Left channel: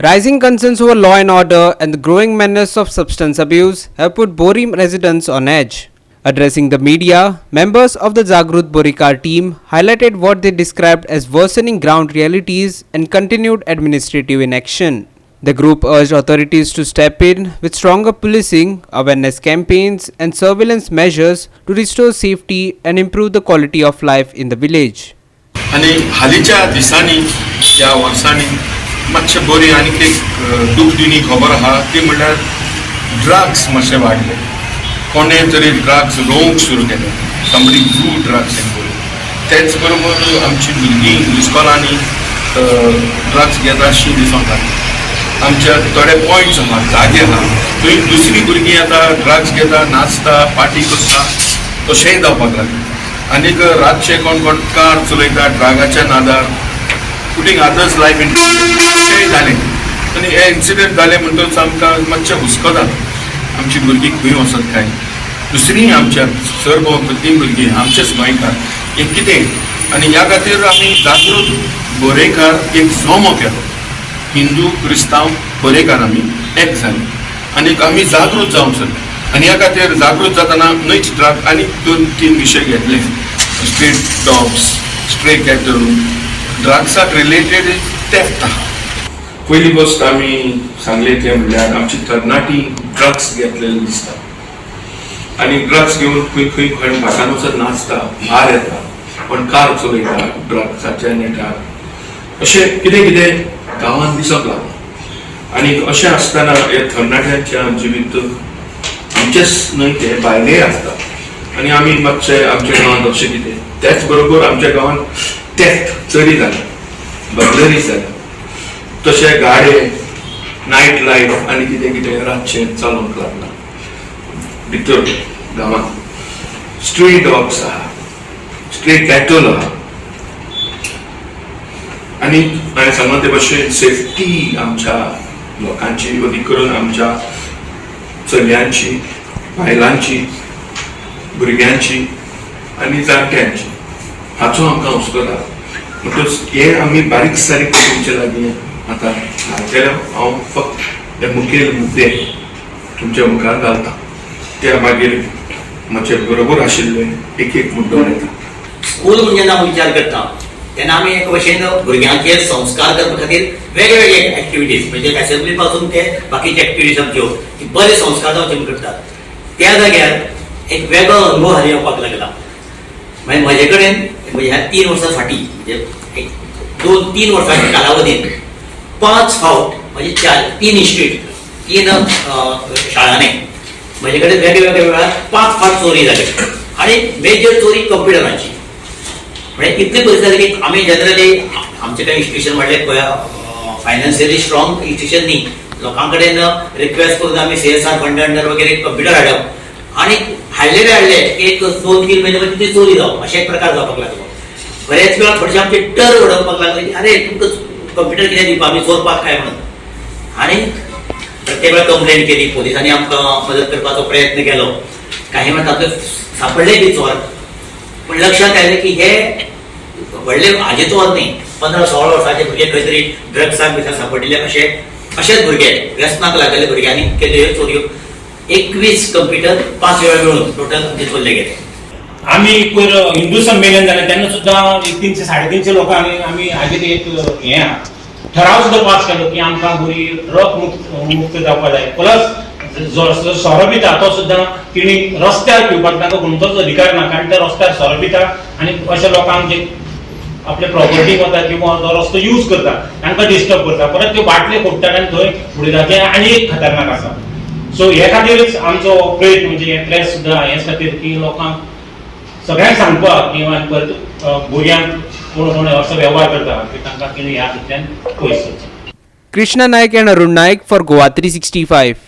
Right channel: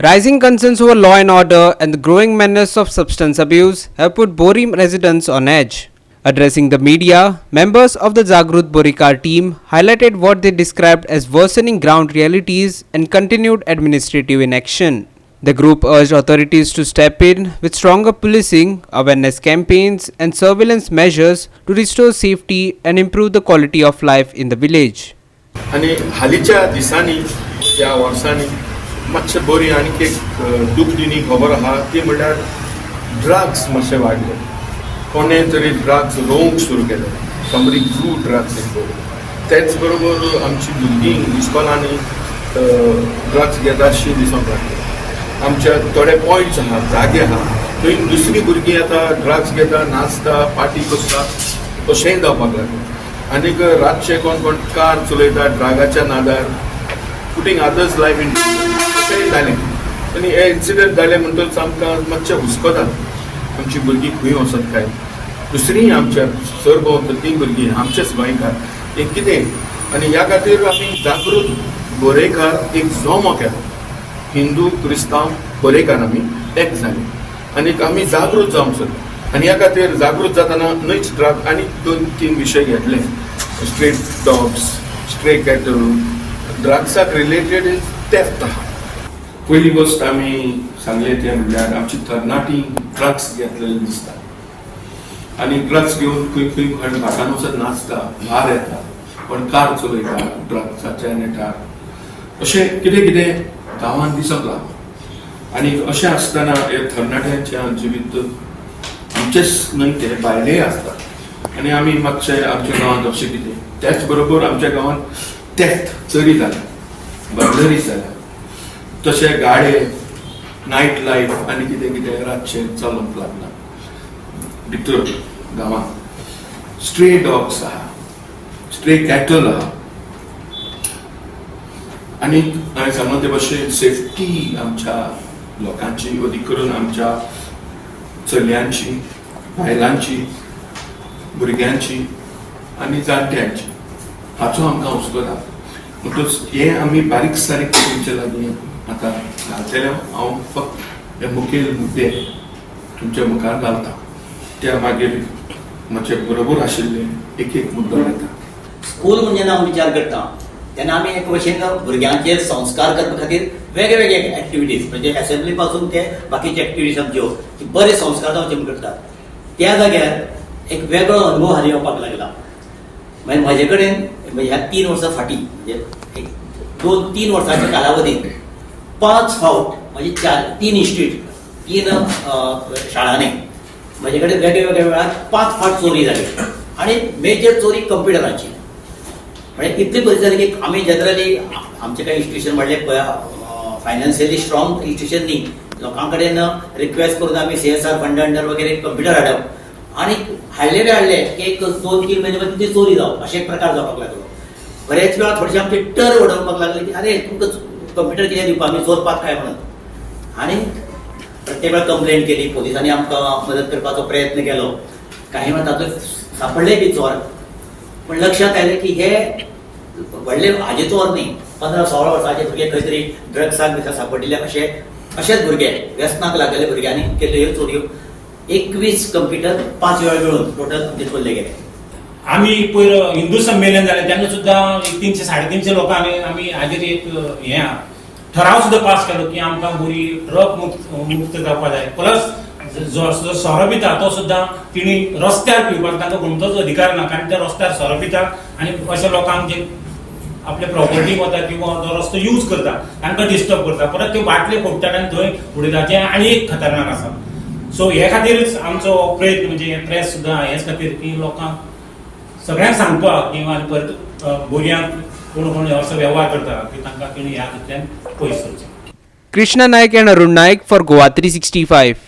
Rising concerns over law and order and the growing menace of substance abuse have put Bori residents on edge. Addressing the media, members of the Jagrut Borikar team highlighted what they described as worsening ground realities and continued administrative inaction. The group urged authorities to step in with stronger policing, awareness campaigns, and surveillance measures to restore safety and improve the quality of life in the village. आणि हालीच्या दिसांनी या वर्सांनी मातशें बरी आनीक एक दूख दिनी खबर आहा ती म्हणल्यार ड्रग्स मातशे वाडले. कोणे तरी ड्रग्स रोवंक सुरू केले. Somebody do drugs in Goa. तेच बरोबर आमची भुरगीं इस्कॉलांनी ड्रग्स घेता अशी दिसूंक लागले. आमच्या थोडे पॉयंट्स आहा जागे आहा थंय दुसरी भुरगीं आतां ड्रग्स घेता नाचता पार्टी करता तशेंय जावपाक लागले. आनीक रातचे कोण कोण कार चलयता ड्रगाच्या नादार पुटींग अदर्स लायफ इन अशेंय जालें. आनी हे इन्सिडंट जाले म्हणटच आमकां मातशें हुस्को जाता आमची भुरगीं खंय वचत काय. दुसरीं आमच्या सरभोंवतणी ती भुरगीं आमचेच गोंयकार हें कितें आनी ह्या खातीर आमी जागृत बोरेकार एक जोमो केलो. हिंदू क्रिस्तांव बोरेकार आमी एक जाली आनीक आमी जागृत जावंक जाय. आनी ह्या खातीर जागृत जातना न्हयच ड्रग आनी 2-3 विशय घेतले. स्ट्रीट डॉग्स, स्ट्रे कॅटल, ड्रग्साक रिलेटेड थेफ्ट आहा. पयली गोश्ट आमी सांगले ते म्हणल्यार आमची तरणाटी ड्रग्स घेतलेले दिसता आनी ड्रग्स घेवन खंय खंय खंय भाटान वचत नाचता भार येता पण कार चलयता ड्रग्साच्या नेटार अशें कितें कितें गांवांत दिसोंक लागलें. आनी अशें आसतना हे तरणाट्यांच्या जिवीत आमचेच न्हय ते भायलेय आसता आनी आमी मातशे आमच्या गांवांत अशें कितें त्याच बरोबर आमच्या गांवांत थेफ्ट चोरी जाले, बर्गलरी जाले, तशे गाडे नायट लायफ आनी कितें कितें रातचें चलोंक लागला भितर गांवांत. स्ट्रे डॉग्स आहा, स्ट्रे कॅटल आहा आनी हांवें सांगला ते भाशेन सेफ्टी आमच्या लोकांची अदी करून आमच्या चलयांची, बायलांची, भुरग्यांची आनी जाणट्यांची हाचो आमकां हुस्को जाता. म्हणटच हे आमी बारीक सारीक तुमचे लागीं आतां घालतलो. हांव फक्त हे मुखेल मुद्दे तुमच्या मुखार घालता त्या मागीर म्हजे बरोबर आशिल्ले एक एक मुद्दो येता. स्कूल म्हणजे जेन्ना विचार करता तेन्ना आमी एक भशेन भुरग्यांचेर संस्कार करपा खातीर वेगळे वेगळे एक्टिविटीज म्हणजे असेंब्ली पासून ते बाकीचे एक्टिविटीज आमच्यो बरे संस्कार जावचे करतात. त्या जाग्यार एक वेगळो अनुभव हाली येवपाक लागला. मागीर म्हजे कडेन म्हणजे ह्या 3 वर्सां फाटीं म्हणजे 2-3 वर्सांच्या कालावधींत 5 फावट म्हणजे 3 इन्स्टिट्यूट 3 शाळांनी म्हजे कडेन वेगळे वेळार 5 फावट चोरी जाली आनी मेजर चोरी कंप्युटरांची. म्हणजे इतली परिस्थिती की आमी जनरली आमचे कडेन इन्स्टिट्यूशन म्हणलें फायनान्शियली स्ट्रॉंग इन्स्टिट्यूशन न्ही. लोकां कडेन रिक्वेस्ट करून आमी CSR फंड अंडर वगैरे कंप्युटर हाडप आनी हाडले एक 2-3 म्हयने ती चोरी जावप अशे एक प्रकार जावपाक लागलो. बरेच वेळा थोडेशे आमचे टर उडोवपाक लागले की अरे तुमकां कंप्युटर कितें दिवपा आमी चोरपाक काय म्हणून. आनी प्रत्येक वेळा कंप्लेंट केली, पोलिसांनी आमकां मदत करपाचो प्रयत्न केलो. काही वेळा तातूंत सापडले बी चोर पण लक्षात आयलें की हे व्हडले हाजे चोर न्ही 15-16 वर्सांचे भुरगे खंय तरी ड्रग्साक भितर सापडिल्ले अशेच भुरगे व्यसनाक लागलेले भुरग्यांनी केल्यो ह्यो चोरयो. 21 कंप्युटर 5 वेळा मेळून टोटल आमचे चोरले गेले. आम्ही पयर हिंदू संमेलन जालें तेन्ना सुद्दां 300-350 लोकां आमी हाजेर एक हें ठराव सुद्दां पास केलो की आमकां बरी ड्रग मुक्त जावपाक जाय. प्लस सोरो पिता तो सुद्दां तिणी रस्त्यार पिवपाक तांकां कोणतोच अधिकार ना कारण ते रस्त्यार सोरो पिता आनी अशे लोकांक जे आपले प्रॉपर्टीक वता किंवा तो रस्तो यूज करता तांकां डिस्टर्ब करता परत त्यो बाटल्यो फोडटात आनी थंय उडयतात जे आनी एक खतरनाक आसा. सो हे खातीरच आमचो प्रयत्न म्हणजे हे प्रेस सुद्दां हेच खातीर की लोकांक सगळ्यांक सांगपाक किंवा परत भुरग्यांक कोण असो वेव्हार करता की तांकां कितें ह्या हातूंतल्यान पयस. Krishna Naik and Arun Naik for Goa 365.